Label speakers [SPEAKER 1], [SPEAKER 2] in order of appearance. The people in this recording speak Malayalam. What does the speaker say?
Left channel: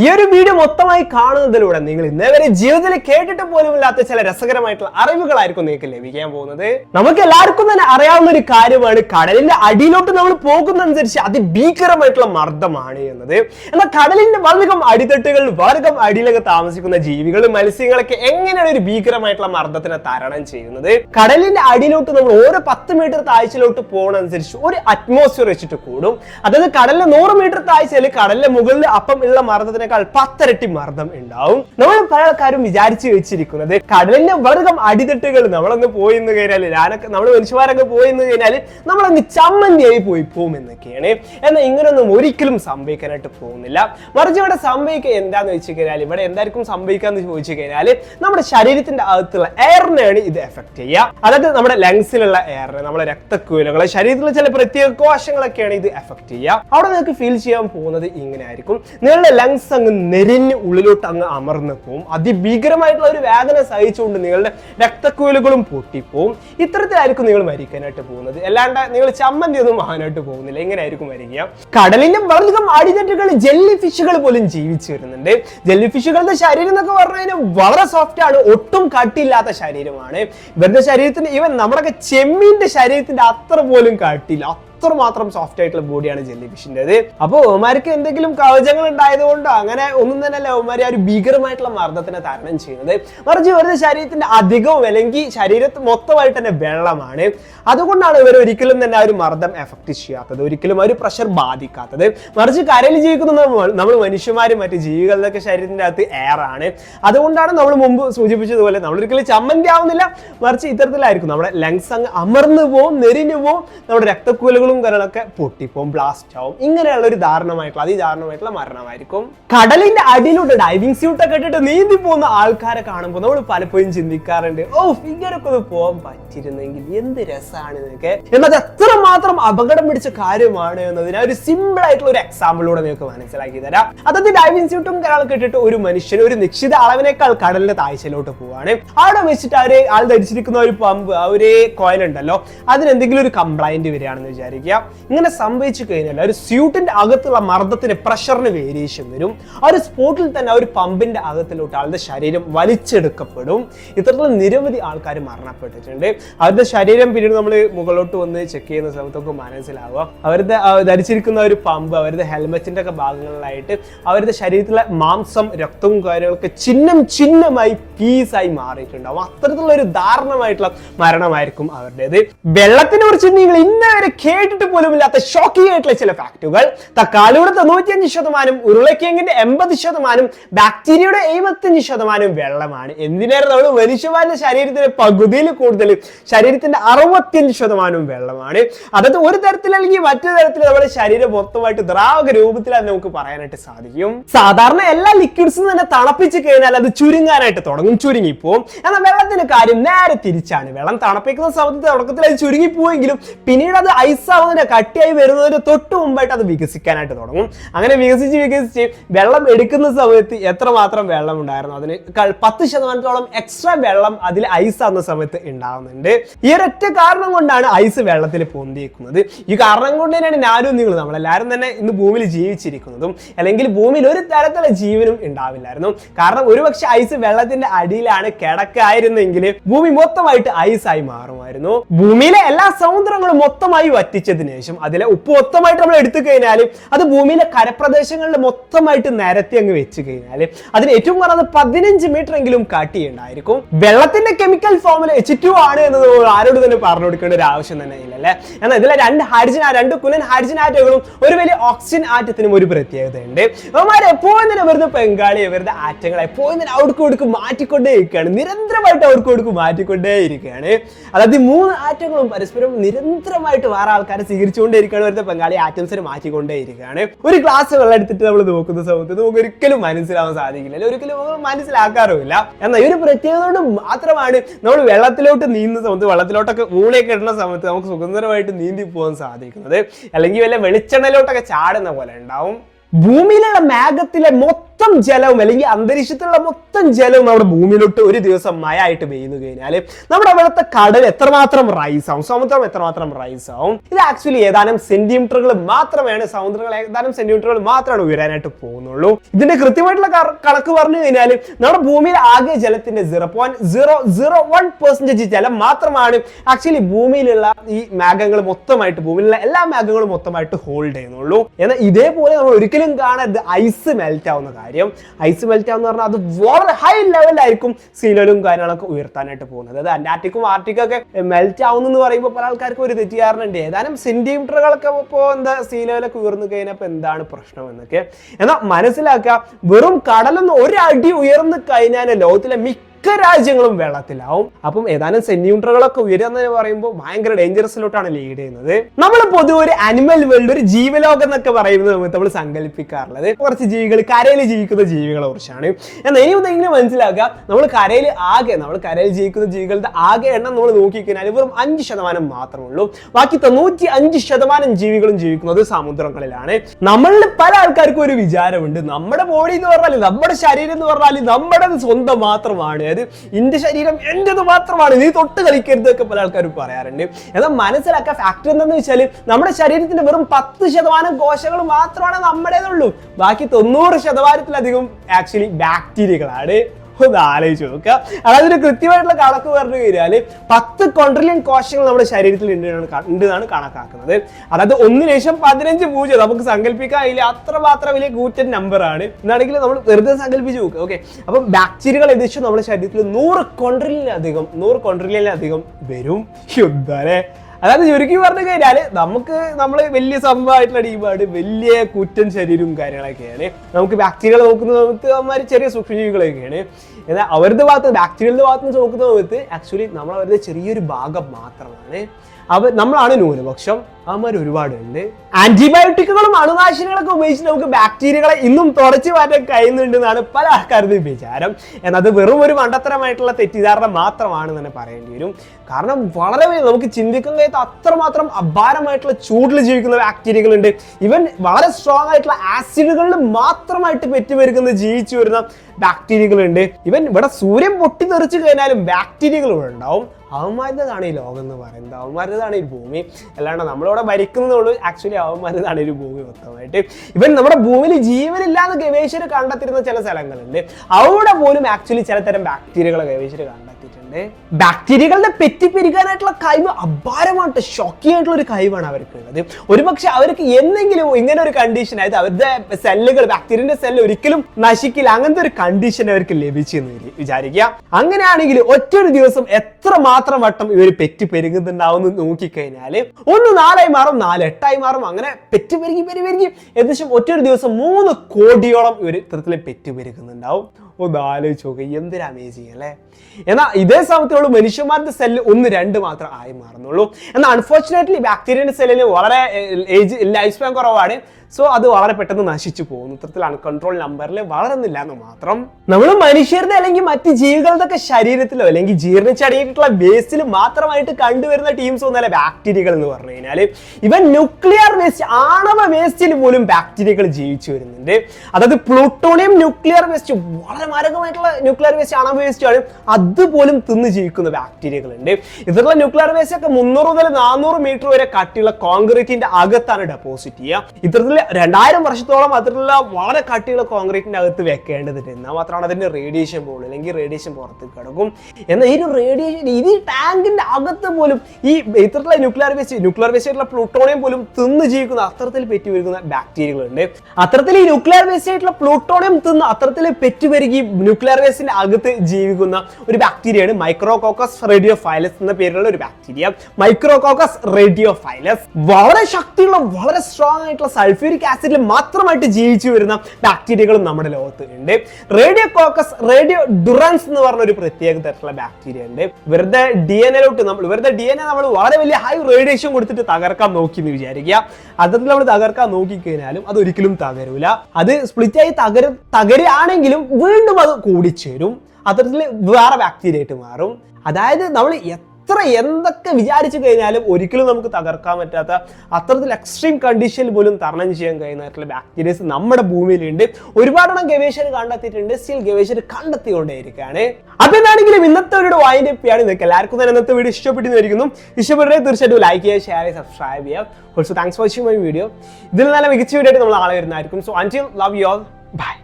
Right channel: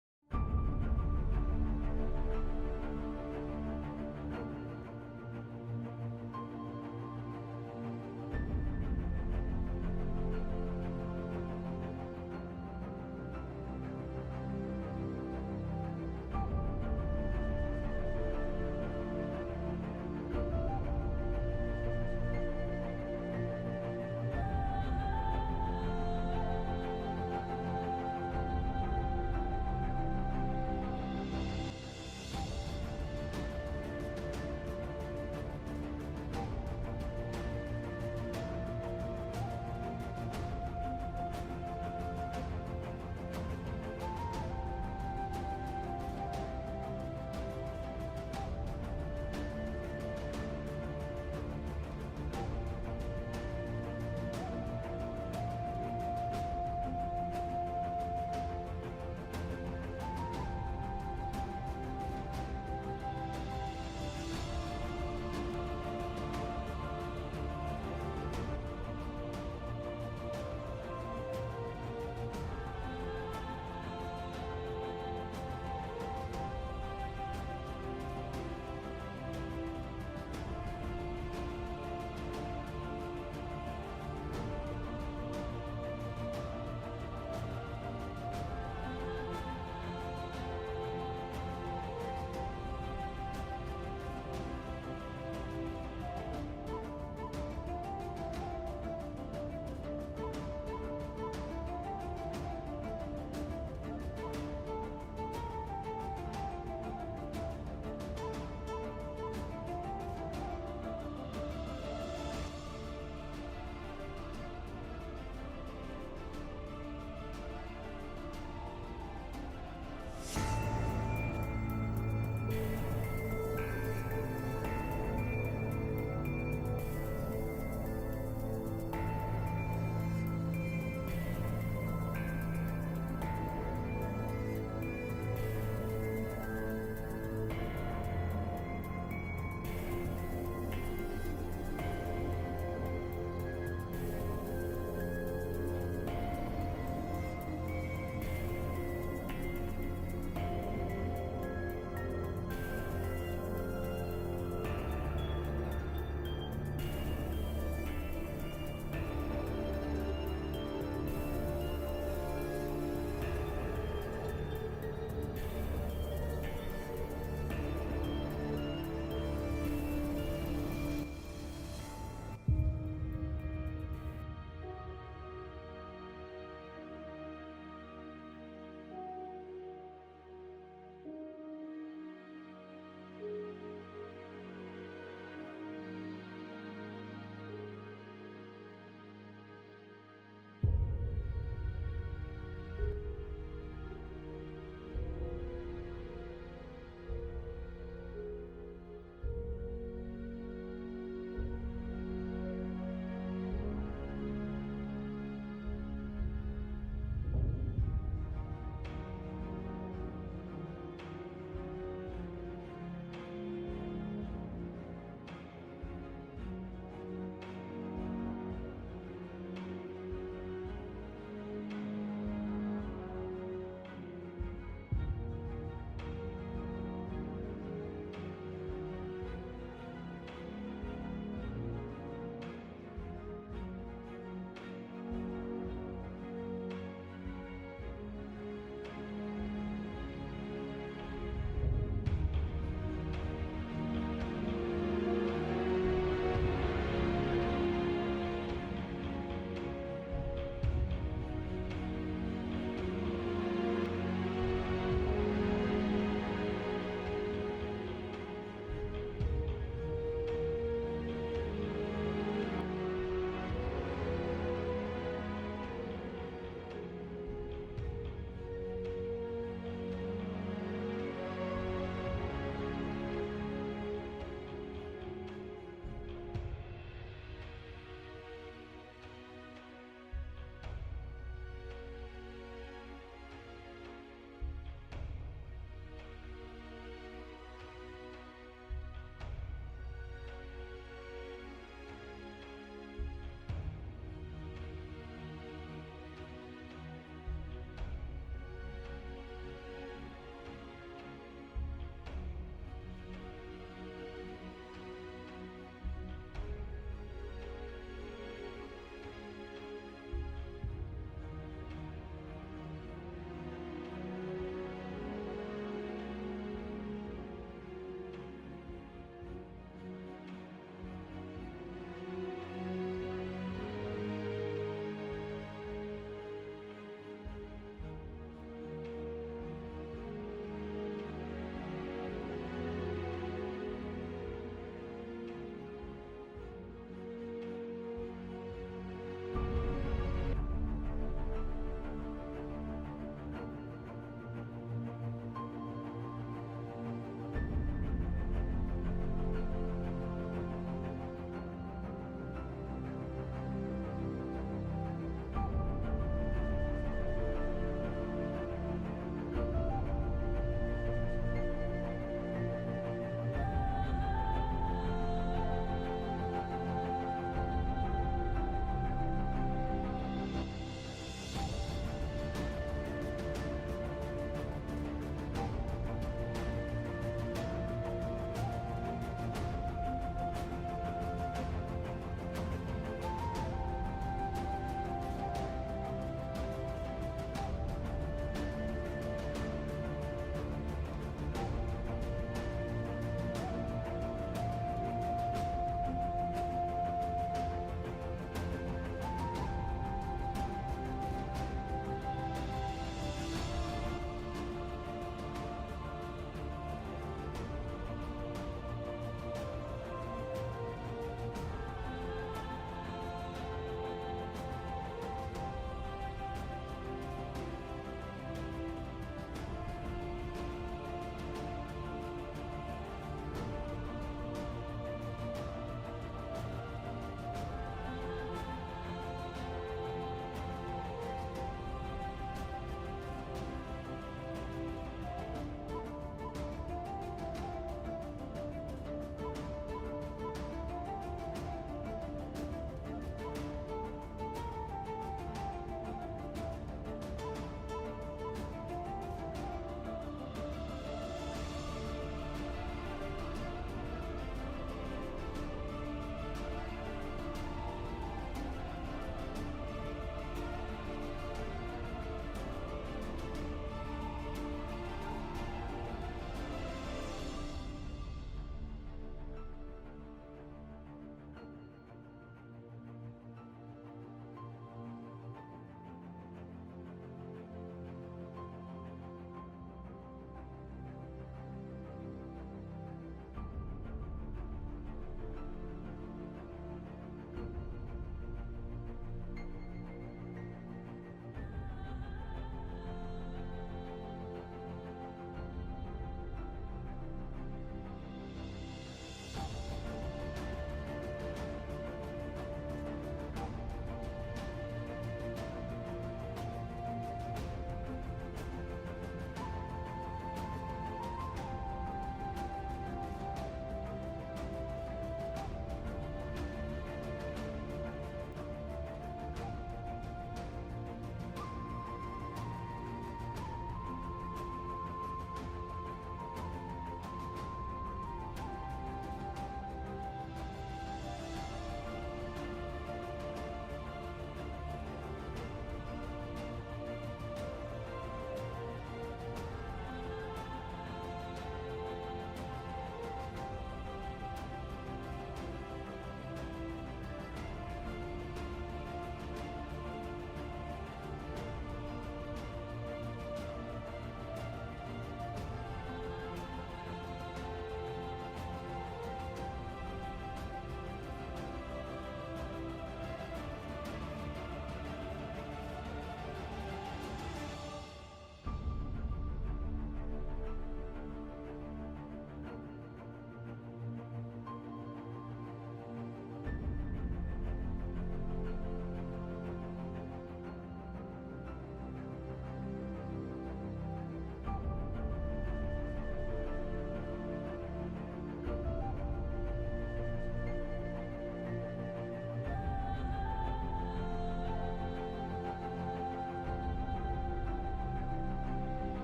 [SPEAKER 1] ഈ ഒരു വീഡിയോ മൊത്തമായി കാണുന്നതിലൂടെ നിങ്ങൾ ഇന്നേവരെ ജീവിതത്തിൽ കേട്ടിട്ട് പോലും ഇല്ലാത്ത ചില രസകരമായിട്ടുള്ള അറിവുകളായിരിക്കും നിങ്ങൾക്ക് ലഭിക്കാൻ പോകുന്നത്. നമുക്ക് എല്ലാവർക്കും തന്നെ അറിയാവുന്ന ഒരു കാര്യമാണ് കടലിന്റെ അടിയിലോട്ട് നമ്മൾ പോകുന്നതനുസരിച്ച് അതിഭീകരമായിട്ടുള്ള മർദ്ദമാണ് എന്നത്. എന്നാൽ കടലിന്റെ വളരെയധികം അടിത്തട്ടുകൾ വളരെയധികം അടിയിലൊക്കെ താമസിക്കുന്ന ജീവികൾ മത്സ്യങ്ങളൊക്കെ എങ്ങനെയാണ് ഒരു ഭീകരമായിട്ടുള്ള മർദ്ദത്തിനെ തരണം ചെയ്യുന്നത്? കടലിന്റെ അടിയിലോട്ട് നമ്മൾ ഓരോ പത്ത് മീറ്റർ താഴ്ചയിലോട്ട് പോകുന്നതനുസരിച്ച് ഒരു അറ്റ്മോസ്ഫിയർ വെച്ചിട്ട് കൂടും. അതായത് കടലിലെ നൂറ് മീറ്റർ താഴ്ചയിൽ കടലിന്റെ മുകളിൽ അപ്പം ഉള്ള മർദ്ദത്തിനേക്കാൾ പത്തരട്ടി മർദ്ദം ഉണ്ടാവും. നമ്മൾ പല ആൾക്കാരും വിചാരിച്ചു വെച്ചിരിക്കുന്നത് കടലിന്റെ വർഗം അടിത്തട്ടുകൾ നമ്മളൊന്ന് പോയി എന്ന് കഴിഞ്ഞാൽ ഞാനൊക്കെ നമ്മൾ മനുഷ്യന്മാരൊക്കെ പോയി എന്ന് കഴിഞ്ഞാൽ നമ്മളങ്ങ് ചമ്മന്തിയായി പോയി പോകും എന്നൊക്കെയാണ്. എന്നാൽ ഇങ്ങനൊന്നും ഒരിക്കലും സംഭവിക്കാനായിട്ട് പോകുന്നില്ല. മറിച്ച് ഇവിടെ സംഭവിക്കുക എന്താന്ന് വെച്ച് കഴിഞ്ഞാൽ ഇവിടെ എന്തായിരിക്കും സംഭവിക്കാന്ന് ചോദിച്ചു കഴിഞ്ഞാൽ നമ്മുടെ ശരീരത്തിന്റെ അകത്തുള്ള എയറിനെയാണ് ഇത് എഫക്ട് ചെയ്യുക. അതായത് നമ്മുടെ ലങ്സിലുള്ള എയറിനെ നമ്മുടെ രക്തക്കുലകളെ ശരീരത്തിലെ ചില പ്രത്യേക കോശങ്ങളൊക്കെയാണ് ഇത് എഫക്ട് ചെയ്യുക. അവിടെ നിങ്ങൾക്ക് ഫീൽ ചെയ്യാൻ പോകുന്നത് ഇങ്ങനെ ആയിരിക്കും നിങ്ങളുടെ ലങ്സ് അങ്ങ് നെരിഞ്ഞ് ഉള്ളിലോട്ട് അങ്ങ് അമർന്നു പോവും. അതിഭീകരമായിട്ടുള്ള ഒരു വേദന സഹിച്ചുകൊണ്ട് നിങ്ങളുടെ രക്തക്കുഴലുകളും പൊട്ടിപ്പോവും. ഇത്തരത്തിലായിരിക്കും നിങ്ങൾ മരിക്കാനായിട്ട് പോകുന്നത്. അല്ലാണ്ട് നിങ്ങൾ ചമ്മന്തി ഒന്നും വാങ്ങാനായിട്ട് പോകുന്നില്ല. എങ്ങനെയായിരിക്കും മരിക്കുക? കടലിന്റെ വളരെയധികം അടിത്തട്ടുകൾ ജെല്ലി ഫിഷുകൾ പോലും ജീവിച്ചു വരുന്നുണ്ട്. ജെല്ലി ഫിഷുകളുടെ ശരീരം എന്നൊക്കെ പറഞ്ഞു വളരെ സോഫ്റ്റ് ആണ്. ഒട്ടും കട്ടിയില്ലാത്ത ശരീരമാണ്. ഇവരുടെ ശരീരത്തിന് ഇവൻ നമ്മുടെ ചെമ്മീന്റെ ശരീരത്തിന്റെ അത്ര പോലും കട്ടിയില്ല. അത്രമാത്രം സോഫ്റ്റ് ആയിട്ടുള്ള ബോഡിയാണ് ജെല്ലി ഫിഷിന്റെത് അപ്പോൾ ഓമാർക്ക് എന്തെങ്കിലും കവചങ്ങൾ ഉണ്ടായതുകൊണ്ട് അങ്ങനെ ഒന്നും തന്നെ അല്ല ഓമാരി ആ ഒരു ഭീകരമായിട്ടുള്ള മർദ്ദത്തിനെ തരണം ചെയ്യുന്നത്. മറിച്ച് ഇവരുടെ ശരീരത്തിന്റെ അധികവും അല്ലെങ്കിൽ ശരീരത്തിൽ മൊത്തമായിട്ട് തന്നെ വെള്ളമാണ്. അതുകൊണ്ടാണ് ഇവർ ഒരിക്കലും തന്നെ ആ ഒരു മർദ്ദം എഫക്ട് ചെയ്യാത്തത്. ഒരിക്കലും ആ ഒരു പ്രഷർ ബാധിക്കാത്തത്. മറിച്ച് കരയിൽ ജീവിക്കുന്ന നമ്മൾ- മനുഷ്യന്മാരും മറ്റ് ജീവികളുടെയൊക്കെ ശരീരത്തിന്റെ അകത്ത് എയർ ആണ്. അതുകൊണ്ടാണ് നമ്മൾ മുമ്പ് സൂചിപ്പിച്ചതുപോലെ നമ്മൾ ഒരിക്കലും ചമ്മന്തി ആവുന്നില്ല. മറിച്ച് ഇത്തരത്തിലായിരിക്കും നമ്മുടെ ലങ്സ് അങ്ങ് അമർന്നു പോവും നെരിഞ്ഞു പോവും. നമ്മുടെ രക്തക്കുഴലുകളും കരളൊക്കെ പൊട്ടിപ്പോവും ബ്ലാസ്റ്റ് ആവും. ഇങ്ങനെയുള്ള ഒരു ദാരുണമായിട്ടുള്ള അതിദാരുണമായിട്ടുള്ള മരണമായിരിക്കും. കടലിന്റെ അടിയിലൂടെ ഡൈവിംഗ് സ്യൂട്ട് ഒക്കെ ഇട്ടിട്ട് നീന്തി പോകുന്ന ആൾക്കാരെ കാണുമ്പോൾ നമ്മൾ പലപ്പോഴും ചിന്തിക്കാറുണ്ട് ഓ ഇങ്ങനൊക്കെ ഒന്ന് പോകാൻ പറ്റിയിരുന്നെങ്കിൽ എന്ത് രസമാണ് നിങ്ങൾക്ക് എന്നത് എത്രമാത്രം അപകടം പിടിച്ച കാര്യമാണ് എന്നതിന് ഒരു സിമ്പിൾ ആയിട്ടുള്ള ഒരു എക്സാമ്പിളിലൂടെ നിങ്ങൾക്ക് മനസ്സിലാക്കി തരാം. അതായത് ഡൈവിംഗ് സ്യൂട്ടും കരളൊക്കെ ഇട്ടിട്ട് ഒരു മനുഷ്യൻ ഒരു നിശ്ചിത അളവിനേക്കാൾ കടലിന്റെ താഴ്ചയിലോട്ട് പോവാണ്. അവിടെ വെച്ചിട്ട് അവർ ആൾ ധരിച്ചിരിക്കുന്ന ഒരു പമ്പ് ആ ഒരു കോയിലുണ്ടല്ലോ ഉണ്ടല്ലോ അതിന് എന്തെങ്കിലും ഒരു കംപ്ലൈന്റ് വരികയാണെന്ന് വിചാരിക്കുക ഇങ്ങനെ സംഭവിച്ചു കഴിഞ്ഞാൽ ഒരു സ്യൂട്ടിന്റെ അകത്തുള്ള മർദ്ദത്തിന് പ്രഷറിന് വേരിയേഷൻ വരും. ആ ഒരു സ്പോട്ടിൽ തന്നെ ഒരു പമ്പിന്റെ അകത്തിലോട്ട് ആളുടെ ശരീരം വലിച്ചെടുക്കപ്പെടും. ഇത്തരത്തിലുള്ള നിരവധി ആൾക്കാർ മരണപ്പെട്ടിട്ടുണ്ട്. അവരുടെ ശരീരം പിന്നീട് നമ്മൾ മുകളിലോട്ട് വന്ന് ചെക്ക് ചെയ്യുന്ന സമയത്തൊക്കെ മനസ്സിലാവുക. അവരുടെ ധരിച്ചിരിക്കുന്ന ഒരു പമ്പ് അവരുടെ ഹെൽമെറ്റിന്റെ ഒക്കെ ഭാഗങ്ങളിലായിട്ട് അവരുടെ ശരീരത്തിലെ മാംസം രക്തവും കാര്യങ്ങളൊക്കെ ചിഹ്നം ചിഹ്നമായി പീസായി മാറിയിട്ടുണ്ടാവും. അത്തരത്തിലുള്ള ഒരു ദാരുണമായിട്ടുള്ള മരണമായിരിക്കും അവരുടേത്. വെള്ളത്തിനെ കുറിച്ച് നിങ്ങൾ ഇന്നേ വരെ കേട്ടിട്ട് പോലും ഇല്ലാത്ത ഷോക്കിംഗ് ആയിട്ടുള്ള ചില ഫാക്ടുകൾ തക്കാളിയുടെ തൊണ്ണൂറ്റിയഞ്ച് ശതമാനം ഉരുളക്കിഴങ്ങിന്റെ എൺപത് ശതമാനം ബാക്ടീരിയയുടെ എഴുപത്തഞ്ച് ശതമാനം വെള്ളമാണ്. എന്തിനേറെ നമ്മൾ മനുഷ്യന്മാരുടെ ശരീരത്തിന്റെ പകുതിയിൽ കൂടുതൽ ശരീരത്തിന്റെ അറുപത്തിയഞ്ച് ശതമാനവും വെള്ളമാണ്? അതായത് ഒരു തരത്തിൽ അല്ലെങ്കിൽ മറ്റൊരു തരത്തിൽ നമ്മുടെ ശരീരം മൊത്തമായിട്ട് ദ്രാവക രൂപത്തിലാണ് നമുക്ക് പറയാനായിട്ട് സാധിക്കും. സാധാരണ എല്ലാ ലിക്വിഡ്സും തന്നെ തണുപ്പിച്ച് കഴിഞ്ഞാൽ അത് ചുരുങ്ങാനായിട്ട് തുടങ്ങും. ചുരുങ്ങിപ്പോവും. എന്നാൽ വെള്ളത്തിന്റെ കാര്യം നേരെ തിരിച്ചാണ്. വെള്ളം തണുപ്പിക്കുന്ന സമയത്ത് തുടക്കത്തിൽ അത് ചുരുങ്ങിപ്പോയെങ്കിലും പിന്നീട് അത് ഐസ് ആവുന്നതിന്റെ കട്ടിയായി വരുന്നതിന് തൊട്ട് മുമ്പായിട്ട് അത് വികസിക്കാനായിട്ട് തുടങ്ങും. അങ്ങനെ വികസിച്ച് വികസിച്ച് വെള്ളം എടുക്കുന്ന സമയത്ത് എത്രമാത്രം വെള്ളം ഉണ്ടായിരുന്നു? അതിന് പത്ത് ശതമാനത്തോളം എക്സ്ട്രാ വെള്ളം അതിൽ ഐസ് ആവുന്ന സമയത്ത് ഉണ്ടാവുന്നുണ്ട്. ഈ ഒരൊറ്റ കാരണം കൊണ്ടാണ് ഐസ് വെള്ളത്തിൽ പൊന്തിയിരിക്കുന്നത്. ഈ കാരണം കൊണ്ട് തന്നെയാണ് ഞാനും നിങ്ങൾ നമ്മളെല്ലാവരും തന്നെ ഇന്ന് ഭൂമിയിൽ ജീവിച്ചിരിക്കുന്നതും അല്ലെങ്കിൽ ഭൂമിയിൽ ഒരു തരത്തിലുള്ള ജീവനും ഉണ്ടാവില്ലായിരുന്നു. കാരണം ഒരുപക്ഷെ ഐസ് വെള്ളത്തിന്റെ അടിയിലാണ് കിടക്കായിരുന്നെങ്കിൽ ഭൂമി മൊത്തമായിട്ട് ഐസായി മാറുമായിരുന്നു. ഭൂമിയിലെ എല്ലാ സമുദ്രങ്ങളും മൊത്തമായി വറ്റിച്ചതിന് ശേഷം അതിലെ ഉപ്പ് മൊത്തമായിട്ട് നമ്മൾ എടുത്തു കഴിഞ്ഞാൽ അത് ഭൂമിയിലെ കരപ്രദേശങ്ങളിൽ മൊത്തമായിട്ട് നിരത്തി അങ്ങ് വെച്ച് കഴിഞ്ഞാൽ അതിന് ഏറ്റവും കുറഞ്ഞത് പതിനഞ്ച് മീറ്റർ എങ്കിലും കാട്ടിയുണ്ടായിരിക്കും വെള്ളത്തിന്റെ കെമിക്കൽ ഫോമിൽ എച്ച് ടു ആണ് എന്നത് ആരോട് തന്നെ പറഞ്ഞു കൊടുക്കേണ്ട ഒരു ആവശ്യം തന്നെ ഇല്ലല്ലേ എന്നാൽ ഇതിലെ രണ്ട് ഹൈഡ്രജൻ രണ്ട് കുലൻ ഹൈഡ്രജൻ ആറ്റങ്ങളും ഒരു വലിയ ഓക്സിജൻ ആറ്റത്തിനും ഒരു പ്രത്യേകതയുണ്ട്. അവന്മാർ എപ്പോഴും തന്നെ വെറുതെ പെങ്കാളി വെറുതെ ആറ്റങ്ങളെ എപ്പോഴും തന്നെ അവിടേക്ക് കൊടുക്ക് മാറ്റിക്കൊണ്ടേ ഇരിക്കുകയാണ് നിരന്തരമായിട്ട് അവർക്ക് കൊടുക്ക് മാറ്റിക്കൊണ്ടേ ഇരിക്കുകയാണ് അതായത് മൂന്ന് ആറ്റങ്ങളും പരസ്പരം നിരന്തരമായിട്ട് വേറെ ആൾക്കാരെ സ്വീകരിച്ചുകൊണ്ടേ ഇരിക്കുകയാണ് വെറുതെ പെങ്കാളി ആറ്റംസിനെ മാറ്റിക്കൊണ്ടേ ഇരിക്കുകയാണ് ഒരു ഗ്ലാസ് വെള്ളം എടുത്തിട്ട് നമ്മൾ നോക്കുന്ന സമയത്ത് നമുക്ക് ഒരിക്കലും മനസ്സിലാവാൻ സാധിക്കില്ല ഒരിക്കലും നമുക്ക് മനസ്സിലാക്കാറുമില്ല. എന്നാൽ ഈ ഒരു പ്രത്യേകത കൊണ്ട് മാത്രമാണ് നമ്മൾ വെള്ളത്തിലോട്ട് നീന്തുന്ന സമയത്ത് വെള്ളത്തിലോട്ടൊക്കെ മൂളയൊക്കെ ഇടുന്ന സമയത്ത് നമുക്ക് സുഖകരമായിട്ട് നീന്തി പോകാൻ സാധിക്കുന്നത്. അല്ലെങ്കിൽ വല്ല വെളിച്ചെണ്ണയിലോട്ടൊക്കെ ചാടുന്ന പോലെ ഉണ്ടാവും. ഭൂമിയിലുള്ള മേഘത്തിലെ മൊത്തം മൊത്തം ജലവും അല്ലെങ്കിൽ അന്തരീക്ഷത്തിലുള്ള മൊത്തം ജലവും നമ്മുടെ ഭൂമിയിലോട്ട് ഒരു ദിവസം മഴ ആയിട്ട് പെയ്യുന്നു കഴിഞ്ഞാൽ നമ്മുടെ അവിടുത്തെ കടൽ എത്രമാത്രം റൈസ് ആവും? സമുദ്രം എത്രമാത്രം റൈസ് ആവും? ഇത് ആക്ച്വലി ഏതാനും സെന്റിമീറ്ററുകൾ മാത്രമാണ് സമുദ്രങ്ങൾ ഏതാനും സെന്റിമീറ്ററുകൾ മാത്രമാണ് ഉയരാനായിട്ട് പോകുന്നുള്ളൂ. ഇതിന്റെ കൃത്യമായിട്ടുള്ള കണക്ക് പറഞ്ഞു കഴിഞ്ഞാൽ നമ്മുടെ ഭൂമിയിൽ ആകെ ജലത്തിന്റെ zero point zero zero one percentage ജലം മാത്രമാണ് ആക്ച്വലി ഭൂമിയിലുള്ള ഈ മേഘങ്ങൾ മൊത്തമായിട്ട് ഭൂമിയിലുള്ള എല്ലാ മേഘങ്ങളും മൊത്തമായിട്ട് ഹോൾഡ് ചെയ്യുന്നുള്ളൂ. എന്നാൽ ഇതേപോലെ നമ്മൾ ഒരിക്കലും കാണരുത് ഐസ് മെൽറ്റ് ആവുന്ന കാര്യം. ഐസ് മെൽറ്റ് എന്ന് പറഞ്ഞാൽ അത് വളരെ ഹൈ ലെവലായിരിക്കും സീ ലെവലും കാര്യങ്ങളൊക്കെ ഉയർത്താനായിട്ട് പോകുന്നത്. അത് അന്റാർട്ടിക്കും ആർട്ടിക്കും ഒക്കെ മെൽറ്റ് ആവുന്നു എന്ന് പറയുമ്പോൾ പല ആൾക്കാർക്കും ഒരു തെറ്റിദ്ധാരണയുണ്ട്. ഏതാനും സെന്റിമീറ്ററുകളൊക്കെ ഇപ്പോൾ എന്താ സീ ലെവലൊക്കെ ഉയർന്നു കഴിഞ്ഞപ്പോൾ എന്താണ് പ്രശ്നം എന്നൊക്കെ. എന്നാൽ മനസ്സിലാക്കുക വെറും കടലൊന്ന് ഒരടി ഉയർന്നു കഴിഞ്ഞാൽ ലോകത്തിലെ മിക്ക രാജ്യങ്ങളും വെള്ളത്തിലാവും. അപ്പം ഏതാനും സെന്റിമീറ്ററുകളൊക്കെ എന്ന് പറയുമ്പോൾ ഭയങ്കര ഡേഞ്ചറസിലോട്ടാണ് ലീഡ് ചെയ്യുന്നത്. നമ്മൾ പൊതുവെ ഒരു അനിമൽ വേൾഡ് ഒരു ജീവലോകം എന്നൊക്കെ പറയുന്നത് നമ്മൾ സങ്കല്പിക്കാറുള്ളത്. കുറച്ച് ജീവികൾ കരയിൽ ജീവിക്കുന്ന ജീവികളെ കുറിച്ചാണ്. എന്നാൽ ഇനി ഇങ്ങനെ മനസ്സിലാക്കുക? നമ്മൾ കരയിൽ ആകെ നമ്മൾ കരയിൽ ജീവിക്കുന്ന ജീവികളുടെ ആകെ എണ്ണം നമ്മൾ നോക്കിക്കഴിഞ്ഞാൽ വെറും അഞ്ച് ശതമാനം മാത്രമേ ഉള്ളൂ. ബാക്കി തൊണ്ണൂറ്റി അഞ്ച് ശതമാനം ജീവികളും ജീവിക്കുന്നത് സമുദ്രങ്ങളിലാണ്. നമ്മളിൽ പല ആൾക്കാർക്കും ഒരു വിചാരമുണ്ട്. നമ്മുടെ ബോഡി എന്ന് പറഞ്ഞാൽ നമ്മുടെ ശരീരം എന്ന് പറഞ്ഞാൽ നമ്മുടെ സ്വന്തം മാത്രമാണ്. അതായത് എന്റെ ശരീരം എന്റെത് മാത്രമാണ്. നീ തൊട്ട് കളിക്കരുത് ഒക്കെ പല ആൾക്കാരും പറയാറുണ്ട്. എന്നാൽ മനസ്സിലാക്കാൻ ഫാക്ടർ എന്താണെന്ന് വെച്ചാൽ നമ്മുടെ ശരീരത്തിന്റെ വെറും പത്ത് ശതമാനം കോശങ്ങൾ മാത്രമാണ് നമ്മുടേതുള്ളൂ. ബാക്കി തൊണ്ണൂറ് ശതമാനത്തിലധികം ആക്ച്വലി ബാക്ടീരിയകളാണ് ഒന്ന് ആലോചിച്ച് നോക്കുക അതായത് ഒരു കൃത്യമായിട്ടുള്ള കണക്ക് പറഞ്ഞു കഴിഞ്ഞാൽ പത്ത് കൊണ്ട്രില്യൻ കോശങ്ങൾ നമ്മുടെ ശരീരത്തിൽ ഉണ്ടെന്നാണ് കണക്കാക്കുന്നത്. അതായത് ഒന്നിന് ശേഷം പതിനഞ്ച് പൂജ്യം നമുക്ക് സങ്കല്പിക്കാൻ ഇല്ല അത്രമാത്രം വലിയ കൂറ്റൻ നമ്പർ ആണ്. എന്നാണെങ്കിൽ നമ്മൾ വെറുതെ സങ്കല്പിച്ച് നോക്കുക ഓക്കെ അപ്പം ബാക്ടീരിയകൾ ഏകദേശം നമ്മുടെ ശരീരത്തിൽ നൂറ് കൊണ്ട്രിലിനധികം നൂറ് കൊണ്ട്രിലിനധികം വരും. ശുദ്ധരെ അതായത് ചുരുക്കി പറഞ്ഞു കഴിഞ്ഞാൽ നമുക്ക് നമ്മൾ വലിയ സംഭവമായിട്ടുള്ള ടീമാണ് വലിയ കൂറ്റൻ ശരീരവും കാര്യങ്ങളൊക്കെയാണ്. നമുക്ക് ബാക്ടീരിയകൾ നോക്കുന്ന നമുക്ക് അവന്മാർ ചെറിയ സൂക്ഷ്മജീവികളൊക്കെയാണ്. എന്നാൽ അവരുടെ ഭാഗത്ത് ബാക്ടീരിയലിന്റെ ഭാഗത്ത് നിന്ന് നോക്കുന്ന സമയത്ത് ആക്ച്വലി നമ്മൾ അവരുടെ ചെറിയൊരു ഭാഗം മാത്രമാണ്. അവ നമ്മളാണ് ന്യൂനപക്ഷം. അവന്മാർ ഒരുപാടുണ്ട്. ആന്റിബയോട്ടിക്കുകളും അണുനാശിനികളൊക്കെ ഉപയോഗിച്ച് നമുക്ക് ബാക്ടീരിയകളെ ഇന്നും തുടച്ചു മാറ്റാൻ കഴിയുന്നുണ്ടെന്നാണ് പല ആൾക്കാരുടെയും വിചാരം. എന്നത് വെറും ഒരു മണ്ടത്തരമായിട്ടുള്ള തെറ്റിദ്ധാരണ മാത്രമാണ് തന്നെ പറയേണ്ടി വരും. കാരണം വളരെ നമുക്ക് ചിന്തിക്കാൻ കഴിയാത്ത അത്രമാത്രം അപാരമായിട്ടുള്ള ചൂടിൽ ജീവിക്കുന്ന ബാക്ടീരിയകളുണ്ട് ഇവൻ വളരെ സ്ട്രോങ് ആയിട്ടുള്ള ആസിഡുകളിൽ മാത്രമായിട്ട് പെറ്റുപെരുക്കുന്ന ജീവിച്ചു വരുന്ന ബാക്ടീരിയകളുണ്ട് ഇവൻ ഇവിടെ സൂര്യൻ പൊട്ടി പൊട്ടിത്തെറിച്ച് കഴിഞ്ഞാലും ബാക്ടീരിയകൾ ഇവിടെ ഉണ്ടാവും. അവന്മാരുടേതാണ് ഈ ലോകം എന്ന് പറയുന്നത്. അവന്മാരുടേതാണ് ഈ ഭൂമി. അല്ലാണ്ട് നമ്മളിവിടെ ഭരിക്കുന്നതുള്ളൂ ആക്ച്വലി അവന്മാരുടേതാണ് ഒരു ഭൂമി മൊത്തമായിട്ട്. ഇവൻ നമ്മുടെ ഭൂമിയിൽ ജീവനില്ലാതെ ഗവേഷകർ കണ്ടെത്തിരുന്ന ചില സ്ഥലങ്ങളുണ്ട്. അവിടെ പോലും ആക്ച്വലി ചിലതരം ബാക്ടീരിയകളെ ഗവേഷകർ കണ്ടെത്തിയിട്ടുണ്ട് ബാക്ടീരിയകളുടെ പെറ്റിപ്പെരുകാനായിട്ടുള്ള കഴിവ് അപാരമായിട്ട് ഷോക്കി ആയിട്ടുള്ള ഒരു കഴിവാണ് അവർക്കുള്ളത് ഒരുപക്ഷെ അവർക്ക് എന്തെങ്കിലും ഇങ്ങനെ ഒരു കണ്ടീഷൻ അതായത് അവരുടെ സെല്ലുകൾ ബാക്ടീരിയന്റെ സെല്ല് ഒരിക്കലും നശിക്കില്ല അങ്ങനത്തെ ഒരു കണ്ടീഷൻ അവർക്ക് ലഭിച്ചെന്ന് വിചാരിക്കുക. അങ്ങനെയാണെങ്കിൽ ഒറ്റൊരു ദിവസം എത്ര മാത്രം വട്ടം ഇവർ പെറ്റി പെരുകുന്നുണ്ടാവും എന്ന് നോക്കിക്കഴിഞ്ഞാൽ ഒന്ന് നാലായി മാറും നാല് എട്ടായി മാറും അങ്ങനെ പെറ്റ് പെരുകി പെരുകി പെരുകി. ഏകദേശം ഒറ്റൊരു ദിവസം മൂന്ന് കോടിയോളം ഇവർ ഇത്തരത്തിൽ പെറ്റ് പെരുകുന്നുണ്ടാവും. ഒന്ന് ആലോചിച്ച് നോക്കുക എന്തൊരു അമേസിങ് അല്ലേ? എന്നാൽ ഇതേ സമയത്തുള്ള മനുഷ്യന്മാരുടെ സെല്ല് ഒന്ന് രണ്ട് മാത്രം ആയി മാറുന്നുള്ളൂ. എന്നാൽ അൺഫോർച്ചുനേറ്റ്ലി ബാക്ടീരിയന്റെ സെല്ലിന് വളരെ ഏജ് ലൈഫ് സ്പാൻ കുറവാണ്. സോ അത് വളരെ പെട്ടെന്ന് നശിച്ചു പോകുന്നു. ഇത്തരത്തിൽ അൺകൺട്രോൾ നമ്പറിൽ വളരുന്നില്ല എന്ന് മാത്രം. നമ്മൾ മനുഷ്യരുടെ അല്ലെങ്കിൽ മറ്റ് ജീവികളുടെ ഒക്കെ ശരീരത്തിലോ അല്ലെങ്കിൽ ജീർണിച്ചടങ്ങിയിട്ടുള്ള വേസ്റ്റിൽ മാത്രമായിട്ട് കണ്ടുവരുന്ന ടീംസ് ഒന്നല്ല ബാക്ടീരിയകൾ എന്ന് പറഞ്ഞു കഴിഞ്ഞാൽ ഇവൻ ന്യൂക്ലിയർ വേസ്റ്റ് ആണവ വേസ്റ്റിൽ പോലും ബാക്ടീരിയകൾ ജീവിച്ചു വരുന്നുണ്ട്. അതായത് പ്ലൂട്ടോണിയം ന്യൂക്ലിയർ വേസ്റ്റ് വളരെ മാരകമായിട്ടുള്ള ന്യൂക്ലിയർ വേസ്റ്റ് ആണവ വേസ്റ്റ് ആണ് അതുപോലും തിന്ന് ജീവിക്കുന്ന ബാക്ടീരിയകളുണ്ട് ഇതിലുള്ള ന്യൂക്ലിയർ വേസ്റ്റ് ഒക്കെ മുന്നൂറ് മുതൽ നാനൂറ് മീറ്റർ വരെ കട്ടിയുള്ള കോൺക്രീറ്റിന്റെ അകത്താണ് ഡെപ്പോസിറ്റ് ചെയ്യുക. ഇത്തരത്തിൽ രണ്ടായിരം വർഷത്തോളം അതിലുള്ള വളരെ കട്ടിയുള്ള കോൺക്രീറ്റിന്റെ അകത്ത് വെക്കേണ്ടതുണ്ട് എന്നാൽ മാത്രമാണ് അതിന്റെ റേഡിയേഷൻ പോകുള്ളൂ അല്ലെങ്കിൽ റേഡിയേഷൻ പുറത്ത് കിടക്കും. എന്നാൽ ഈ റേഡിയേഷൻ ഇത് ഈ ടാങ്കിന്റെ അകത്ത് പോലും ഈ ഇത്തരത്തിലുള്ള ന്യൂക്ലിയർ വേസ്റ്റ് ന്യൂക്ലിയർ വേസ്റ്റ് ആയിട്ടുള്ള പ്ലൂട്ടോണിയം പോലും തിന്ന് ജീവിക്കുന്ന അത്തരത്തിൽ പെറ്റുവരുന്ന ബാക്ടീരിയകളുണ്ട് അത്തരത്തിൽ ഈ ന്യൂക്ലിയർ വേസ്റ്റ് ആയിട്ടുള്ള പ്ലൂട്ടോണിയം തിന്ന് അത്തരത്തിൽ പെറ്റുപെരുകി ന്യൂക്ലിയർ വേസ്റ്റിന്റെ അകത്ത് ജീവിക്കുന്ന ഒരു ബാക്ടീരിയയാണ് മൈക്രോകോക്കസ് റേഡിയോ ഫൈലസ് എന്ന പേരിലുള്ള ഒരു ബാക്ടീരിയ മൈക്രോകോക്കസ് റേഡിയോ ഫൈലസ് വളരെ ശക്തിയുള്ള വളരെ സ്ട്രോങ് ആയിട്ടുള്ള സൾഫ്യൂരിക് ആസിഡിൽ മാത്രമായിട്ട് ജീവിച്ചു വരുന്ന ബാക്ടീരിയകളും നമ്മുടെ ലോകത്ത് ഉണ്ട്. റേഡിയോ കോക്കസ് റേഡിയോ ഡുറൻസ് എന്ന് പറഞ്ഞ ഒരു പ്രത്യേക തരത്തിലുള്ള ബാക്ടീരിയ ഉണ്ട്. വെറുതെ ഡി എൻ എലോട്ട് നമ്മൾ വെറുതെ ഡി എൻ എ നമ്മൾ വളരെ വലിയ ഹൈ റേഡിയേഷൻ കൊടുത്തിട്ട് തകർക്കാൻ നോക്കി എന്ന് വിചാരിക്കുക. അതിൽ നമ്മൾ തകർക്കാൻ നോക്കിക്കഴിഞ്ഞാലും അത് ഒരിക്കലും തകരൂല. അത് സ്പ്ലിറ്റ് ആയി തകര തകരുകയാണെങ്കിലും വീണ്ടും അത് കൂടിച്ചേരും. അത്തരത്തിൽ വേറെ ബാക്ടീരിയ ആയിട്ട് മാറും. അതായത് നമ്മൾ എത്ര എന്തൊക്കെ വിചാരിച്ചു കഴിഞ്ഞാലും ഒരിക്കലും നമുക്ക് തകർക്കാൻ പറ്റാത്ത അത്തരത്തിൽ എക്സ്ട്രീം കണ്ടീഷനിൽ പോലും തരണം ചെയ്യാൻ കഴിയുന്നതായിട്ടുള്ള ബാക്ടീരിയസ് നമ്മുടെ ഭൂമിയിലുണ്ട്. ഒരുപാടെണ്ണം ഗവേഷകർ കണ്ടെത്തിയിട്ടുണ്ട്. സ്റ്റിൽ ഗവേഷകർ കണ്ടെത്തിക്കൊണ്ടേയിരിക്കുകയാണ്. അപ്പൊ എന്താണെങ്കിലും ഇന്നത്തെ ഒരു വായിന്റെ ആണ് നിങ്ങൾക്ക് എല്ലാവർക്കും തന്നെ ഇന്നത്തെ വീഡിയോ ഇഷ്ടപ്പെട്ടിരിക്കുന്നു. ഇഷ്ടപ്പെട്ടേ തീർച്ചയായിട്ടും ലൈക്ക് ചെയ്യുക ഷെയർ ചെയ്യുക സബ്സ്ക്രൈബ് ചെയ്യുക. Also thanks for watching my video ഇതിൽ നല്ല മികച്ച വീഡിയോ ആയിട്ട് നമ്മൾ ആളെ വരുന്നതായിരിക്കും. സോ അഞ്ചിൽ ലവ് യു ഓൾ ബൈ